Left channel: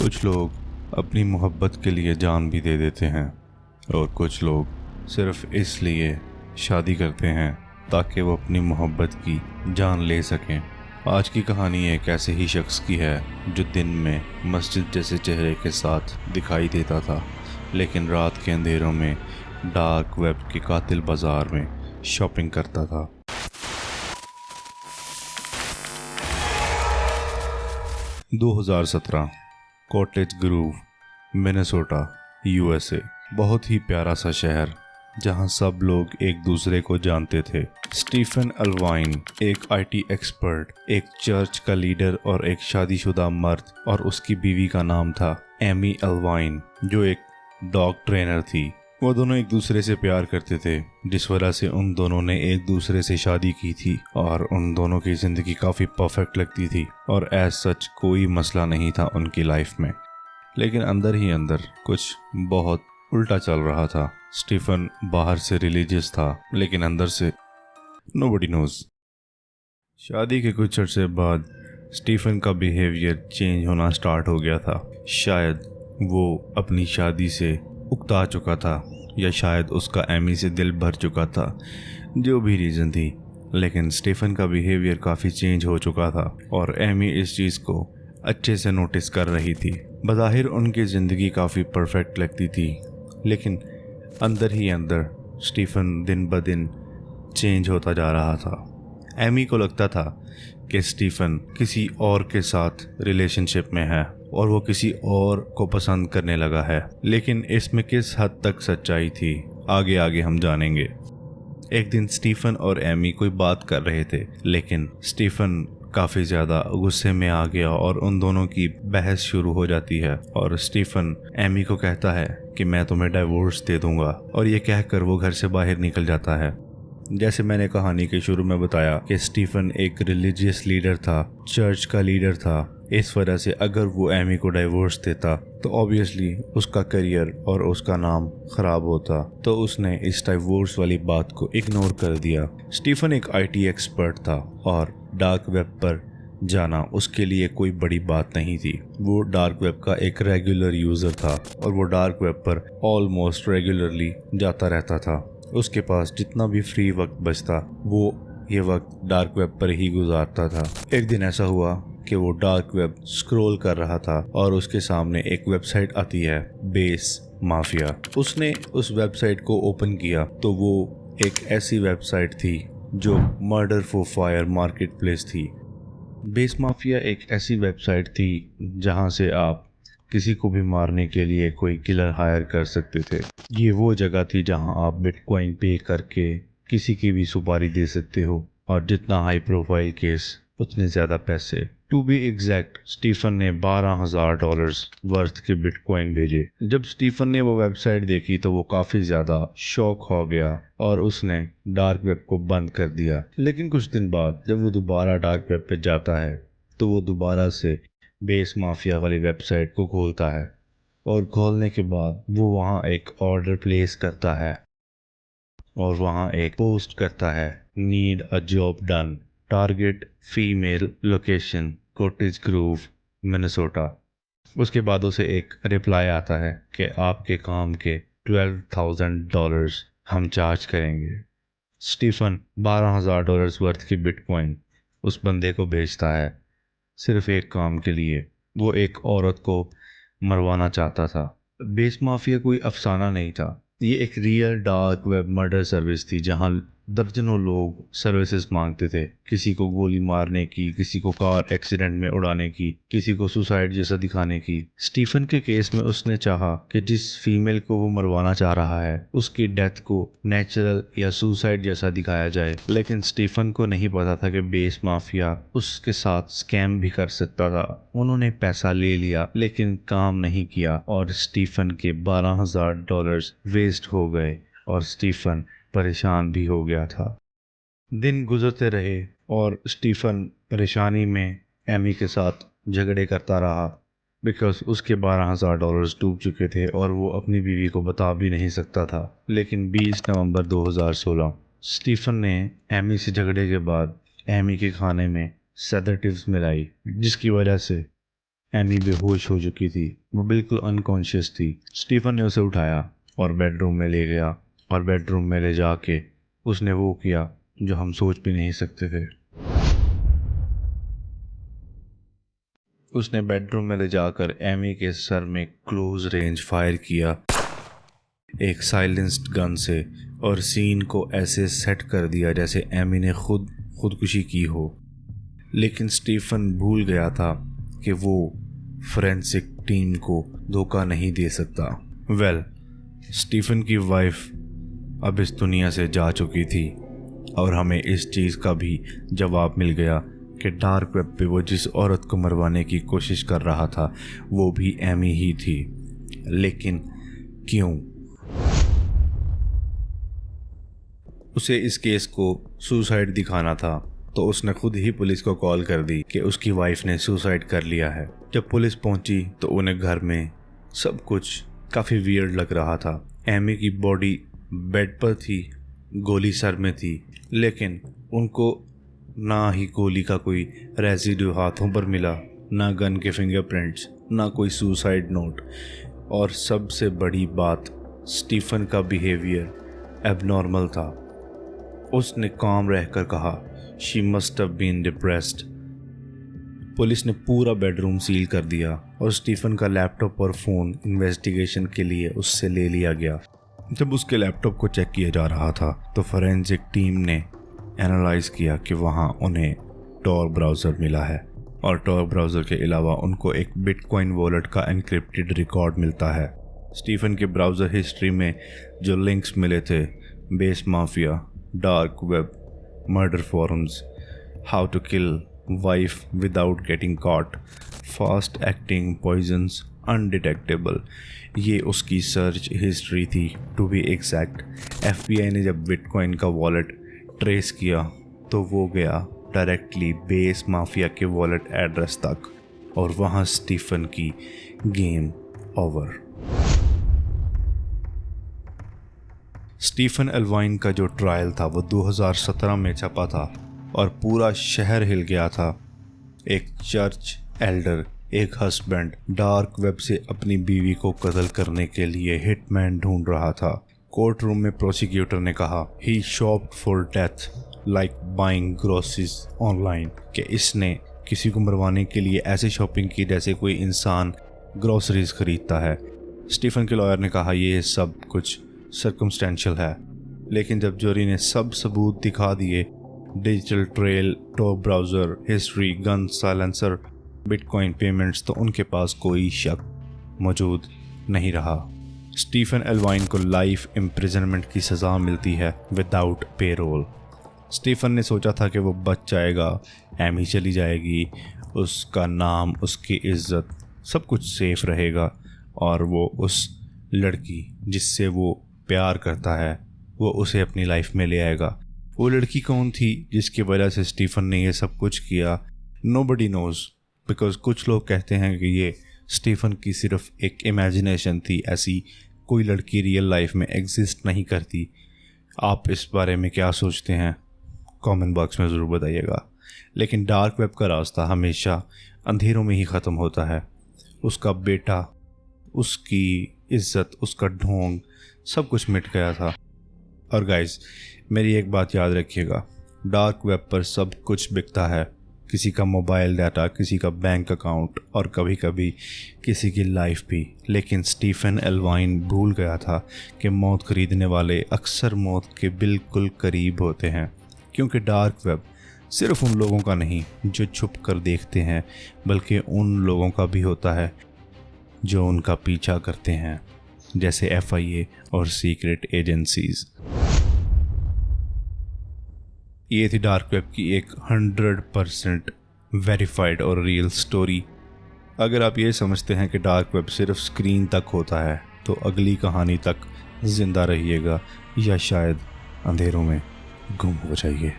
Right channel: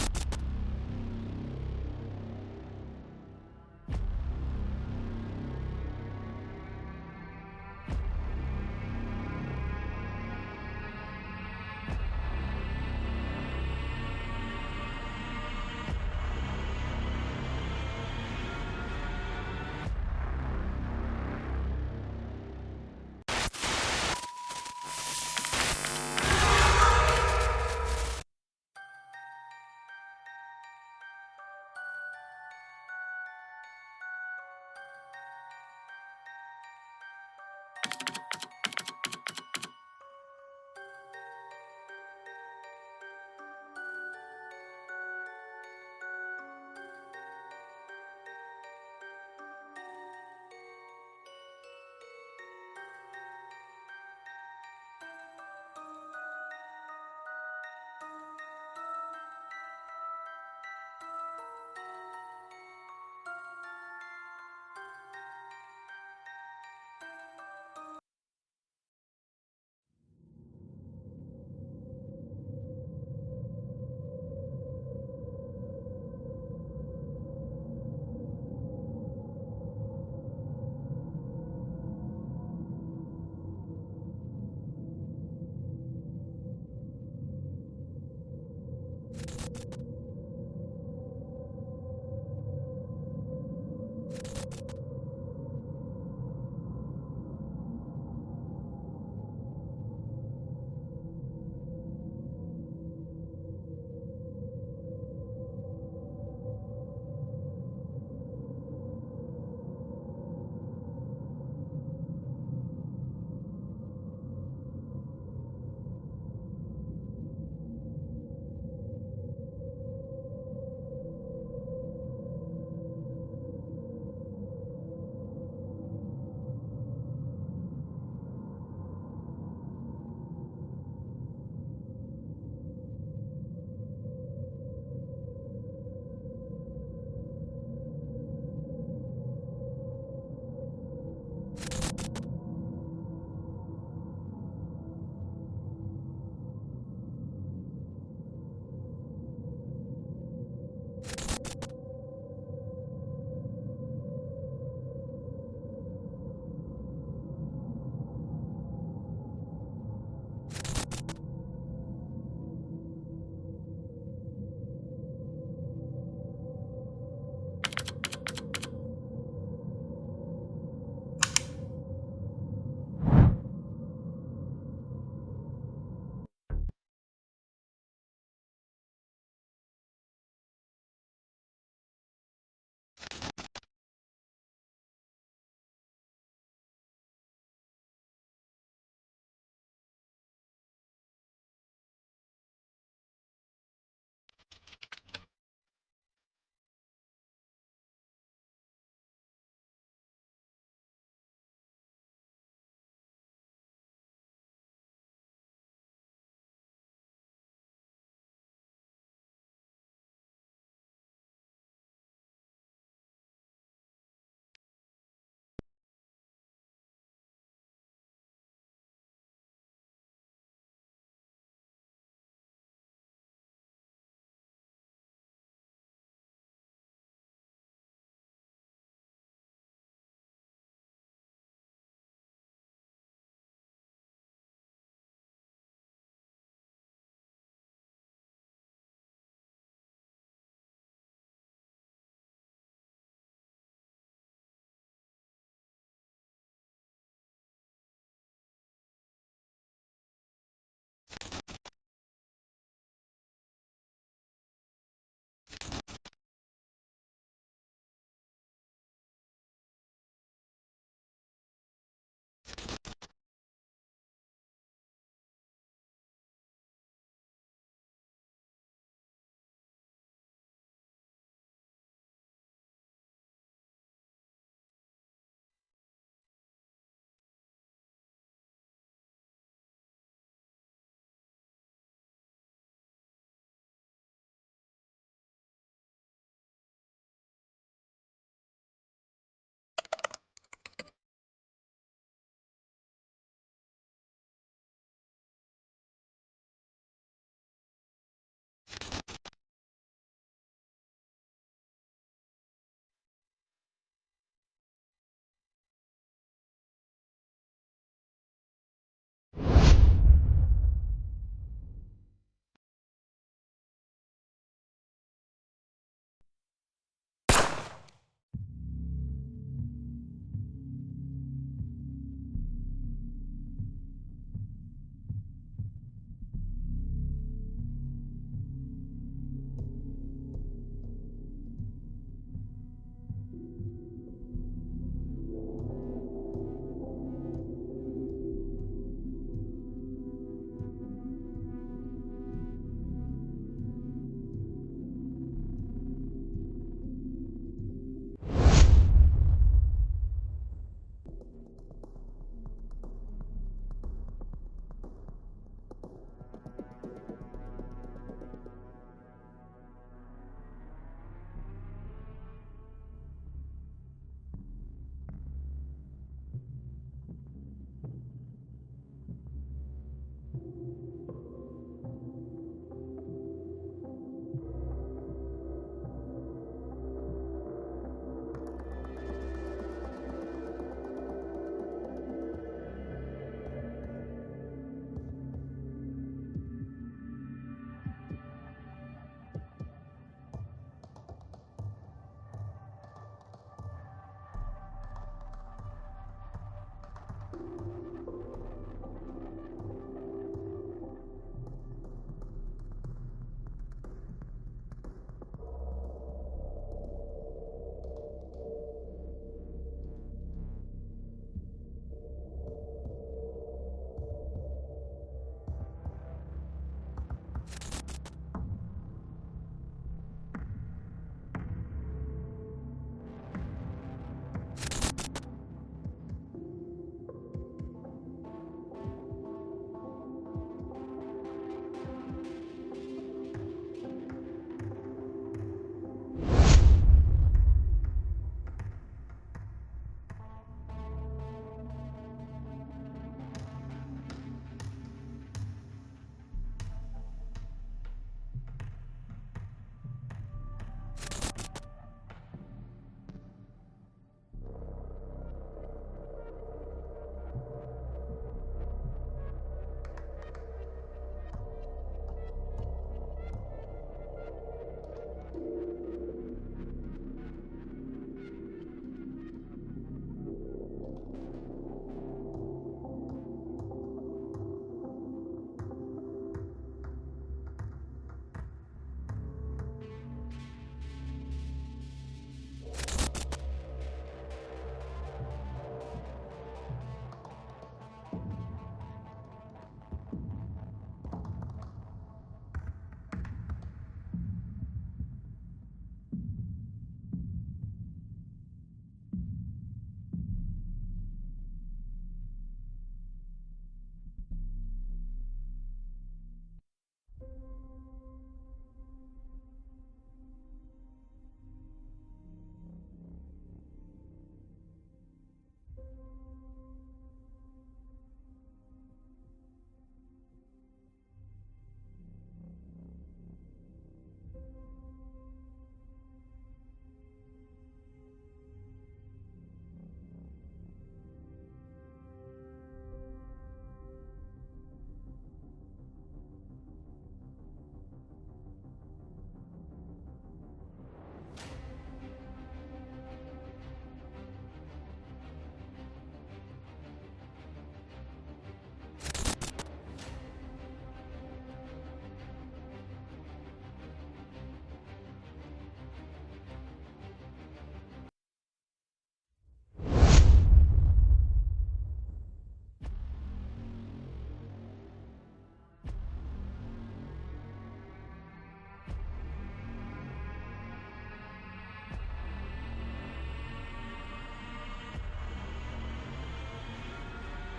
कुछ लोग अपनी मोहब्बत के लिए जान भी दे देते हैं और कुछ लोग सिर्फ इसलिए शादी करते हैं ताकि वो अपनी मोहब्बत की जान ले सकें। आज की कहानी एक ऐसे ही शख्स की है जो दिन में मस्जिद जैसे चेहरे के साथ दिखाई देता था, लेकिन रात के अंधेरों में डार्क वेब के कातिल बाजार में शॉपिंग करता था। 2017 कॉटेज ग्रूव, मिनेसोटा, यूएसए। बहुत ही प्यारा सा शहर जहां सब लोग एक दूसरे को जानते थे। स्टीफन अल्वाइन एक आईटी एक्सपर्ट, एक चर्च का लीडर और एक शादीशुदा मर्द, और उसकी बीवी का नाम था एमी अल्वाइन जो एक डॉग ट्रेनर थी। वो दोनों एक दूसरे से प्यार करते थे, जिस वजह से उन दोनों ने एक दूसरे से शादी की थी और उन दोनों की ज़िंदगी काफ़ी परफेक्ट लगती थी और एज सच कोई मसला नहीं था उनकी लाइफ में। लेकिन अंदर ही अंदर कुछ बहुत उल्टा चल रहा था। स्टीफन बाहर से रिलीजियस था, लेकिन अंदर से नोबडी नोज। शादी के कुछ अर्से बाद स्टीफन का बिहेवियर चेंज होना स्टार्ट हो गया था। शायद वो अपनी शादी से उकता चुका था या शायद उसका एमी से दिल भर चुका था, जो भी रीज़न थी, लेकिन स्टीफन का बिहेवियर काफ़ी चेंज हो चुका था और एमी इस चीज़ को अच्छे से नोटिस कर रही थी। बज़ाहिर उनकी ज़िंदगी काफ़ी परफेक्ट लगती थी, लेकिन अंदर ही अंदर स्टीफन दिन ब दिन चेंज होता जा रहा था। एमी को लगता था कि स्टीफन किसी और के साथ रिलेशनशिप में है और वो किसी और को पसंद करने लगा है, लेकिन इसमें किस हद तक सच्चाई थी आगे आगे हम जानेंगे। एक दिन स्टीफन और एमी कोई बात कर रहे थे, लेकिन स्टीफन काफ़ी ज़्यादा गुस्से में आ गया और उन दोनों की बहस शुरू हो जाती है और स्टीफन एमी को कहता है कि मैं तुम्हें डाइवोर्स दे दूंगा, और ये कहकर वो घर से बाहर निकल जाता है। जैसे मैंने कहानी के शुरू में बताया कि स्टीफन एक रिलीजियस लीडर था, चर्च का लीडर था। इस वजह से अगर वो एमी को डाइवोर्स देता तो ऑब्वियसली उसका करियर और उसका नाम ख़राब होता, तो उसने इस डाइवोर्स वाली बात को इग्नोर कर दिया। स्टीफन एक आईटी एक्सपर्ट था और डार्क वेब पर जाना उसके लिए कोई बड़ी बात नहीं थी। वो डार्क वेब का एक रेगुलर यूज़र था और वो डार्क वेब पर ऑलमोस्ट रेगुलरली जाता रहता था। उसके पास जितना भी फ्री वक्त बचता वो ये वक्त डार्क वेब पर ही गुजारता था। एक दिन ऐसा हुआ कि वो डार्क वेब स्क्रॉल कर रहा था और उसके सामने एक वेबसाइट आती है, बेस माफिया। उसने उस वेबसाइट को ओपन किया तो वो एक ऐसी वेबसाइट थी जो murder for fire market place थी। बेस माफिया एक ऐसी वेबसाइट थी जहां से आप किसी को भी मारने के लिए कोई किलर हायर कर सकते थे। ये वो जगह थी जहां आप बिटकॉइन पे करके किसी की भी सुपारी दे सकते हो, और जितना हाई प्रोफाइल केस उतने ज़्यादा पैसे। टू बी एग्जैक्ट, स्टीफन ने $12,000 वर्थ के बिटकॉइन भेजे। जब स्टीफन ने वो वेबसाइट देखी तो वो काफ़ी ज़्यादा शॉक हो गया और उसने डार्क वेब को बंद कर दिया। लेकिन कुछ दिन बाद जब वो दोबारा डार्क वेब पे जाता है तो वो दोबारा से बेस माफिया वाली वेबसाइट को खोलता है, और खोलने के बाद वो वहाँ एक ऑर्डर प्लेस करता है और वहाँ एक पोस्ट करता है, need a job done, target female, location cottage groove, Minnesota. उसके बाद उसे एक रिप्लाई आता है कि आपके काम के $12,000 हम चार्ज करेंगे। स्टीफन $12,000 वर्थ की बिटकॉइन उस बंदे को भेजता है, सिर्फ एक काम के लिए। वो एक औरत को मरवाना चाहता था। बेस माफिया कोई अफसाना नहीं था, ये एक real dark web murder service थी जहां दर्जनों लोग सर्विसेज मांगते थे। किसी को गोली मारने की, किसी को कार एक्सीडेंट में उड़ाने की, किसी को सुसाइड जैसा दिखाने की। स्टीफन के केस में उसने चाहा कि जिस फीमेल को वो मरवाना चाह रहा है उसकी डेथ को नेचुरल या सुसाइड जैसा दिखाया जाए, लेकिन स्टीफन को नहीं पता था कि बेस माफिया उसके साथ स्कैम भी कर सकता था। उन्होंने पैसा ले लिया लेकिन काम नहीं किया और स्टीफन के $12,000 वेस्ट हो गए और स्टीफन परेशान भी हो गया था। दिन गुजरते रहे और स्टीफन परेशानी में एमी के साथ झगड़े करता रहा, बिकॉज उसके $12,000 डूब चुके थे और वो अपनी बीवी को बता भी नहीं सकता था। लेकिन 20 नवंबर 2016 स्टीफन ने एमी से झगड़े के बाद एमी के खाने में सेडेटिव्स मिलाई, जिसकी वजह से एमी बेहोश हो चुकी थी, वो बिल्कुल अनकॉन्शियस थी। स्टीफन ने उसे उठाया और बेडरूम में ले गया, और बेडरूम में ले जाके उसने वो किया जो हम सोच भी नहीं सकते थे। उसने बेडरूम में ले जाकर एमी के सर में क्लोज रेंज फायर किया एक साइलेंस्ड गन से, और सीन को ऐसे सेट कर दिया जैसे एमी ने खुदकुशी की हो। लेकिन स्टीफन भूल गया था कि वो फोरेंसिक टीम को धोखा नहीं दे सकता। स्टीफन की वाइफ अब इस दुनिया से जा चुकी थी, और हमें इस चीज़ का भी जवाब मिल गया कि डार्क वेब पे वो जिस औरत को मरवाने की कोशिश कर रहा था वो भी एमी ही थी। लेकिन क्यों? उसे इस केस को सुसाइड दिखाना था, तो उसने खुद ही पुलिस को कॉल कर दी कि उसकी वाइफ ने सुसाइड कर लिया है। जब पुलिस पहुंची तो उन्हें घर में सब कुछ काफ़ी वियर्ड लग रहा था। एमी की बॉडी बेड पर थी, गोली सर में थी, लेकिन उनको ना ही गोली का कोई रेजिड्यू हाथों पर मिला, ना गन के फिंगरप्रिंट्स, ना कोई सुसाइड नोट, और सबसे बड़ी बात, स्टीफन का बिहेवियर एबनॉर्मल था। उसने काम रहकर कहा, she must have been depressed. Police ने पूरा बेडरूम सील कर दिया और स्टीफन का लैपटॉप और फ़ोन इन्वेस्टिगेशन के लिए उससे ले लिया गया। जब उसके लैपटॉप को चेक किया जा रहा था तो फोरेंसिक टीम ने एनालाइज किया कि वहाँ उन्हें टॉर ब्राउज़र मिला है, और टॉर ब्राउज़र के अलावा उनको एक बिटकॉइन वॉलेट का एनक्रिप्टेड रिकॉर्ड मिलता है। स्टीफन के ब्राउज़र हिस्ट्री में जो लिंक्स मिले थे, Besa Mafia, dark web, murder forums, how to kill wife without getting caught, fast acting poisons, undetectable, ये उसकी सर्च हिस्ट्री थी। टू बी एग्जैक्ट, FBI ने जब बिटकॉइन का वॉलेट ट्रेस किया तो वो गया डायरेक्टली बेस माफिया के वॉलेट एड्रेस तक, और वहाँ स्टीफन की गेम ओवर। स्टीफन एल्वाइन का जो ट्रायल था वो 2017 में छपा था और पूरा शहर हिल गया था। एक चर्च एल्डर, एक हस्बैंड डार्क वेब से अपनी बीवी को कत्ल करने के लिए हिटमैन ढूंढ रहा था। कोर्ट रूम में प्रोसिक्यूटर ने कहा, he shopped for death like buying groceries online, कि इसने किसी को मरवाने के लिए ऐसे शॉपिंग की जैसे कोई इंसान ग्रोसरीज खरीदता है। स्टीफन के लॉयर ने कहा, ये सब कुछ सर्कमस्टेंशियल है, लेकिन जब जूरी ने सब सबूत दिखा दिए, digital trail, Tor browser history, gun silencer, bitcoin payments, तो उनके पास कोई शक मौजूद नहीं रहा। स्टीफन एल्वाइन को लाइफ इम्प्रिजनमेंट की सज़ा मिलती है विदाउट पेरोल। स्टीफन ने सोचा था कि वो बच जाएगा, एमी चली जाएगी, उसका नाम, उसकी इज्जत, सब कुछ सेफ रहेगा, और वो उस लड़की जिससे वो प्यार करता है वो उसे अपनी लाइफ में ले आएगा। वो लड़की कौन थी जिसकी वजह से स्टीफन ने ये सब कुछ किया? नोबडी नोज़, बिकॉज कुछ लोग कहते हैं कि ये स्टीफन की सिर्फ एक इमेजिनेशन थी, ऐसी कोई लड़की रियल लाइफ में एग्जिस्ट नहीं करती। आप इस बारे में क्या सोचते हैं? कमेंट बॉक्स में ज़रूर बताइएगा। लेकिन डार्क वेब का रास्ता हमेशा अंधेरों में ही ख़त्म होता है। उसका बेटा, उसकी इज्जत, उसका ढोंग, सब कुछ मिट गया था। और गाइस, मेरी एक बात याद रखिएगा, डार्क वेब पर सब कुछ बिकता है, किसी का मोबाइल डाटा, किसी का बैंक अकाउंट, और कभी कभी किसी की लाइफ भी। लेकिन स्टीफन एल्वाइन भूल गया था कि मौत खरीदने वाले अक्सर मौत के बिल्कुल करीब होते हैं, क्योंकि डार्क वेब सिर्फ उन लोगों का नहीं जो छुप कर देखते हैं, बल्कि उन लोगों का भी होता है जो उनका पीछा करते हैं, जैसे FIA और सीक्रेट एजेंसीज। ये थी डार्क वेब की एक 100% वेरीफाइड और रियल स्टोरी। अगर आप ये समझते हैं कि डार्क वेब सिर्फ स्क्रीन तक होता है, तो अगली कहानी तक जिंदा रहिएगा, या शायद अंधेरों में गुम हो जाइए।